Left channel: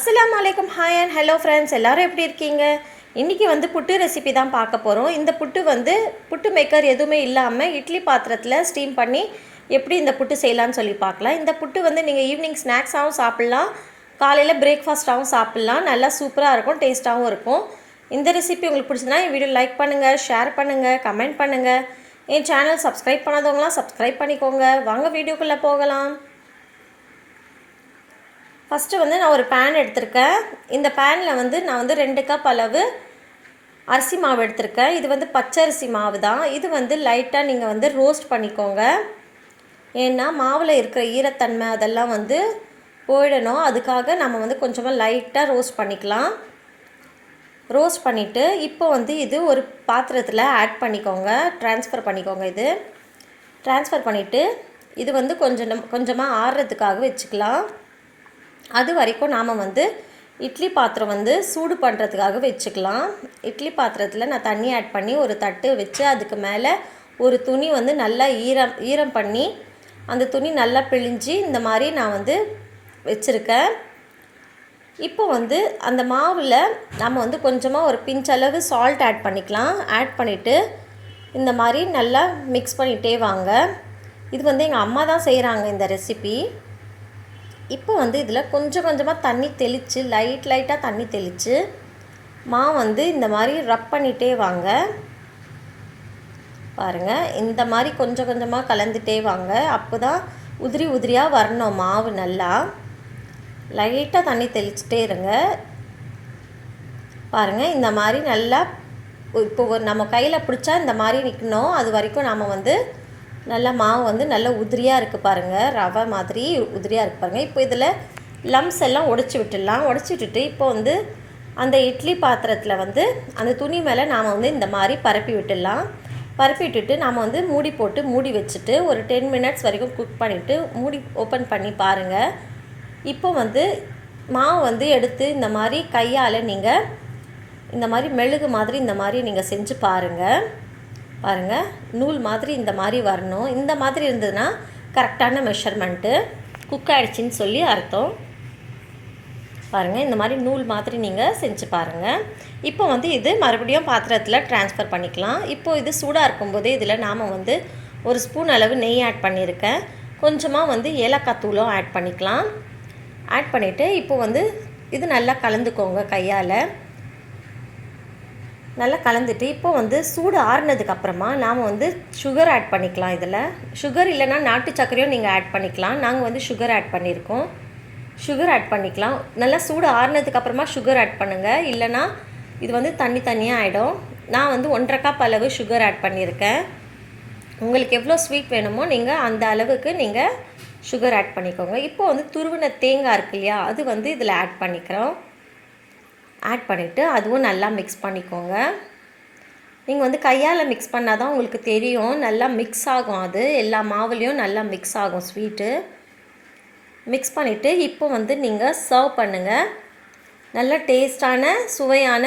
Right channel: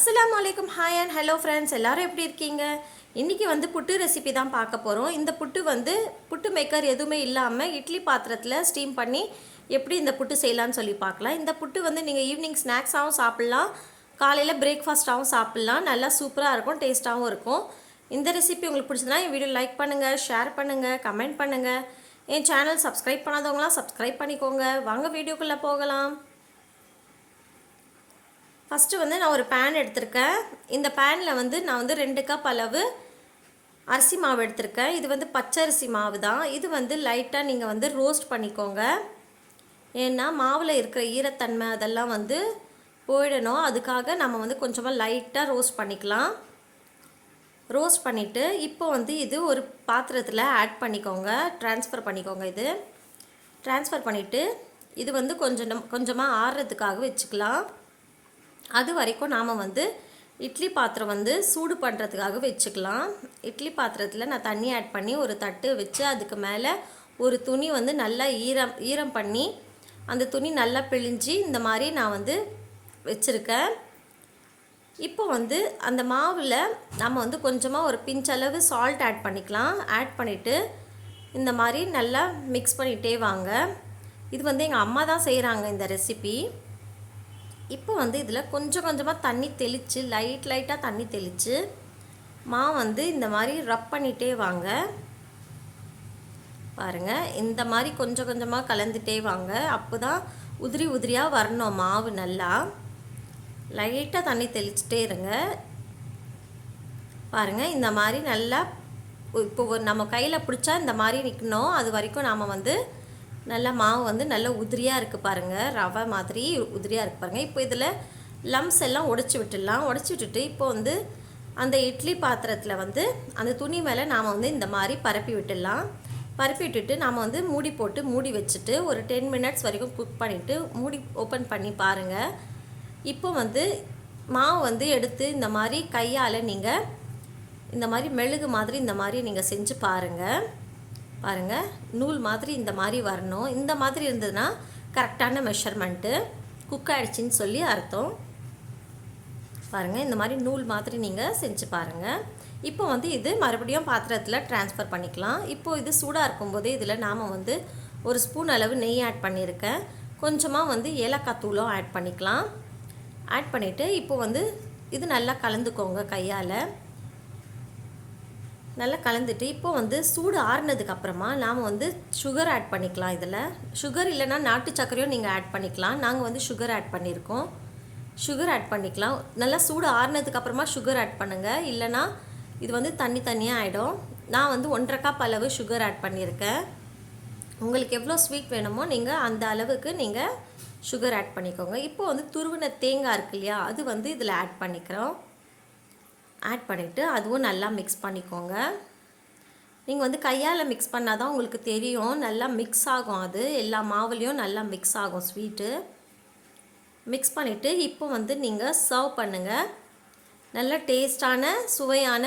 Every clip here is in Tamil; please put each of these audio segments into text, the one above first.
அஸ்லாம் வலைக்கம் ஹாய் அண்ட் ஹலோ ஃப்ரெண்ட்ஸ் எல்லோரும் எப்படி இருக்கீங்க? இன்றைக்கி வந்து புட்டு ரெசிபி தான் பார்க்க போகிறோம் இந்த புட்டு வந்து புட்டு மேக்கர் எதுவுமே இல்லாமல் இட்லி பாத்திரத்தில் ஸ்டீம் பண்ணி எப்படி இந்த புட்டு செய்யலாம்னு சொல்லி பார்க்கலாம். இந்த புட்டு வந்து நீங்கள் ஈவினிங் ஸ்நாக்ஸாகவும் சாப்பிட்லாம். காலையில் பிரேக்ஃபாஸ்ட்டாகவும் சாப்பிட்லாம். நல்லா சூப்பராக இருக்கும் டேஸ்ட்டாகவும் இருக்கும். இந்த ரெசிபி உங்களுக்கு பிடிச்சதுன்னா என் வீடியோ லைக் பண்ணுங்கள் ஷேர் பண்ணுங்கள் கமெண்ட் பண்ணுங்கள் என் சேனல் சப்ஸ்கிரைப் பண்ணாதவங்களாம் சப்ஸ்கிரைப் பண்ணிக்கோங்க. வாங்க வீடியோக்குள்ளே போகலாம். ஃபஸ்ட்டு வந்து நான் ஒரு பேன் எடுத்திருக்கேன். இந்த பேனில் வந்து நான் வந்து ரெண்டு கப் அளவு அரிசி மாவு எடுத்திருக்கேன். இது வந்து பச்சரிசி மாவு தான் இது வந்து லைட்டாக நீங்கள் வந்து ரோஸ்ட் பண்ணிக்கோங்க. ஏன்னா மாவில் இருக்கிற ஈரத்தன்மை அதெல்லாம் வந்து போயிடணும். அதுக்காக நம்ம வந்து கொஞ்சமாக லைட்டாக ரோஸ்ட் பண்ணிக்கலாம். ரோஸ்ட் பண்ணிவிட்டு இப்போ வந்து இது ஒரு பாத்திரத்தில் ஆட் பண்ணிக்கோங்க. ட்ரான்ஸ்ஃபர் பண்ணிக்கோங்க இது. ட்ரான்ஸ்ஃபர் பண்ணிவிட்டு இது வந்து கொஞ்சம் கொஞ்சமாக ஆறுறதுக்காக வச்சுக்கலாம். அது வரைக்கும் நாம் வந்து இட்லி பாத்திரம் வந்து சூடு பண்ணுறதுக்காக வச்சுக்கலாம். இட்லி பாத்திரத்தில் நான் தண்ணி ஆட் பண்ணி ஒரு தட்டு வச்சு அதுக்கு மேலே ஒரு துணி வந்து நல்லா ஈரம் ஈரம் பண்ணி அந்த துணி நல்லா பிழிஞ்சு இந்த மாதிரி நான் வந்து வச்சுருக்கேன். இப்போ வந்து அந்த மாவில் நம்ம வந்து கொஞ்சமாக ஒரு பிஞ்சளவு சால்ட் ஆட் பண்ணிக்கலாம். ஆட் பண்ணிவிட்டு இந்த மாதிரி நல்லா மிக்ஸ் பண்ணிகிட்டே வாங்க. இது வந்து எங்கள் அம்மா தான் செய்கிறாங்க இந்த ரெசிபி இப்போ வந்து இதில் கொஞ்சம் கொஞ்சமாக தண்ணி தெளித்து லைட் லைட்டாக தண்ணி தெளித்து மா வந்து இந்த மாதிரி ரப் பண்ணிகிட்டே வாங்க. பாருங்கள் இந்த மாதிரி கொஞ்சம் கொஞ்சமாக கலந்துட்டே வாங்க. அப்போ தான் உதிரி உதிரியாக வரணும் மாவு நல்லா. லைட்டாக தண்ணி தெளிச்சிட்டே இருங்க. பாருங்கள் இந்த மாதிரி நல்லா இப்போ ஒரு நம்ம கையில் பிடிச்சா இந்த மாதிரி நிற்கணும் அது வரைக்கும் நாம் வந்து நல்லா மாவு வந்து நல்லா உதிரியாக இருக்குது பாருங்கள் ரவை மாதிரி உதிரியாக இருக்குது பாருங்கள் இப்போ இதில் லம்ஸ் எல்லாம் உடச்சி விட்டுடலாம். உடச்சி விட்டுட்டு இப்போ வந்து அந்த இட்லி பாத்திரத்தில் வந்து அந்த துணி மேலே நாம் வந்து இந்த மாதிரி பரப்பி விட்டுடலாம். பரப்பி விட்டுட்டு நாம் வந்து மூடி போட்டு மூடி வச்சுட்டு ஒரு டென் மினிட்ஸ் வரைக்கும் குக் பண்ணிவிட்டு மூடி ஓப்பன் பண்ணி பாருங்கள் இப்போ வந்து மாவு வந்து எடுத்து இந்த மாதிரி கையால் நீங்கள் இந்த மாதிரி மெழுகு மாதிரி இந்த மாதிரி நீங்கள் செஞ்சு பாருங்கள் பாருங்கள் நூல் மாதிரி இந்த மாதிரி வரணும். இந்த மாதிரி இருந்ததுன்னா கரெக்டான மெஷர்மெண்ட்டு குக் ஆகிடுச்சின்னு சொல்லி அர்த்தம். பாருங்கள் இந்த மாதிரி நூல் மாதிரி நீங்கள் செஞ்சு பாருங்கள் இப்போ வந்து இது மறுபடியும் பாத்திரத்தில் ட்ரான்ஸ்ஃபர் பண்ணிக்கலாம். இப்போ இது சூடாக இருக்கும்போதே இதில் நாம் வந்து ஒரு ஸ்பூன் அளவு நெய் ஆட் பண்ணியிருக்கேன். கொஞ்சமாக வந்து ஏலக்காய் தூளும் ஆட் பண்ணிக்கலாம். ஆட் பண்ணிவிட்டு இப்போ வந்து இது நல்லா கலந்துக்கோங்க கையால். நல்லா கலந்துட்டு இப்போ வந்து சூடு ஆறுனதுக்கு அப்புறமா நாம் வந்து சுகர் ஆட் பண்ணிக்கலாம் இதில். சுகர் இல்லைனா நாட்டு சர்க்கரையும் நீங்கள் ஆட் பண்ணிக்கலாம். நாங்கள் வந்து சுகர் ஆட் பண்ணியிருக்கோம் சுகர் ஆட் பண்ணிக்கலாம். நல்லா சூடு ஆறுனதுக்கு அப்புறமா சுகர் ஆட் பண்ணுங்கள் இல்லைனா இது வந்து தண்ணி தனியாக ஆகிடும் நான் வந்து ஒன்றரை கப் அளவு சுகர் ஆட் பண்ணியிருக்கேன். உங்களுக்கு எவ்வளோ ஸ்வீட் வேணுமோ நீங்கள் அந்த அளவுக்கு நீங்கள் சுகர் ஆட் பண்ணிக்கோங்க. இப்போ வந்து துருவின தேங்காய் இருக்கு இல்லையா அது வந்து இதில் ஆட் பண்ணிக்கிறோம். ஆட் பண்ணிவிட்டு அதுவும் நல்லா மிக்ஸ் பண்ணிக்கோங்க. நீங்கள் வந்து கையால் மிக்ஸ் பண்ணால் தான் உங்களுக்கு தெரியும். நல்லா மிக்ஸ் ஆகும் அது. எல்லா மாவுலேயும் நல்லா மிக்ஸ் ஆகும் ஸ்வீட்டு மிக்ஸ் பண்ணிவிட்டு இப்போ வந்து நீங்கள் சர்வ் பண்ணுங்கள் நல்ல டேஸ்டான சுவையான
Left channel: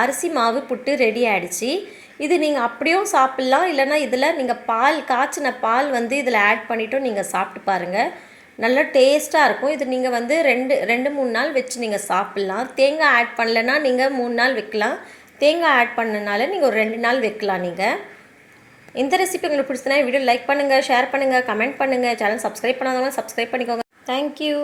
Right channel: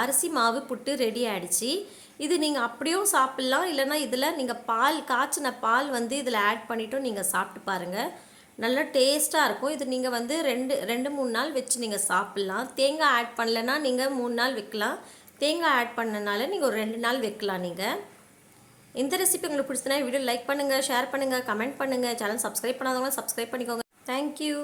அரிசி மாவு புட்டு ரெடி ஆகிடுச்சி இது நீங்கள் அப்படியும் சாப்பிட்லாம். இல்லைனா இதில் நீங்கள் பால் காய்ச்சின பால் வந்து இதில் ஆட் பண்ணிவிட்டும் நீங்கள் சாப்பிட்டு பாருங்கள் நல்ல டேஸ்ட்டாக இருக்கும். இது நீங்கள் வந்து ரெண்டு ரெண்டு மூணு நாள் வச்சு நீங்கள் சாப்பிட்லாம். தேங்காய் ஆட் பண்ணலைன்னா நீங்கள் மூணு நாள் வைக்கலாம். தேங்காய் ஆட் பண்ணனால நீங்கள் ஒரு ரெண்டு நாள் வைக்கலாம் நீங்கள் இந்த ரெசிபி உங்களுக்கு பிடிச்சதுனா வீடியோ லைக் பண்ணுங்கள் ஷேர் பண்ணுங்கள் கமெண்ட் பண்ணுங்கள் சேனல் சப்ஸ்கிரைப் பண்ணாதவங்க சப்ஸ்கிரைப் பண்ணிக்கோங்க. Thank you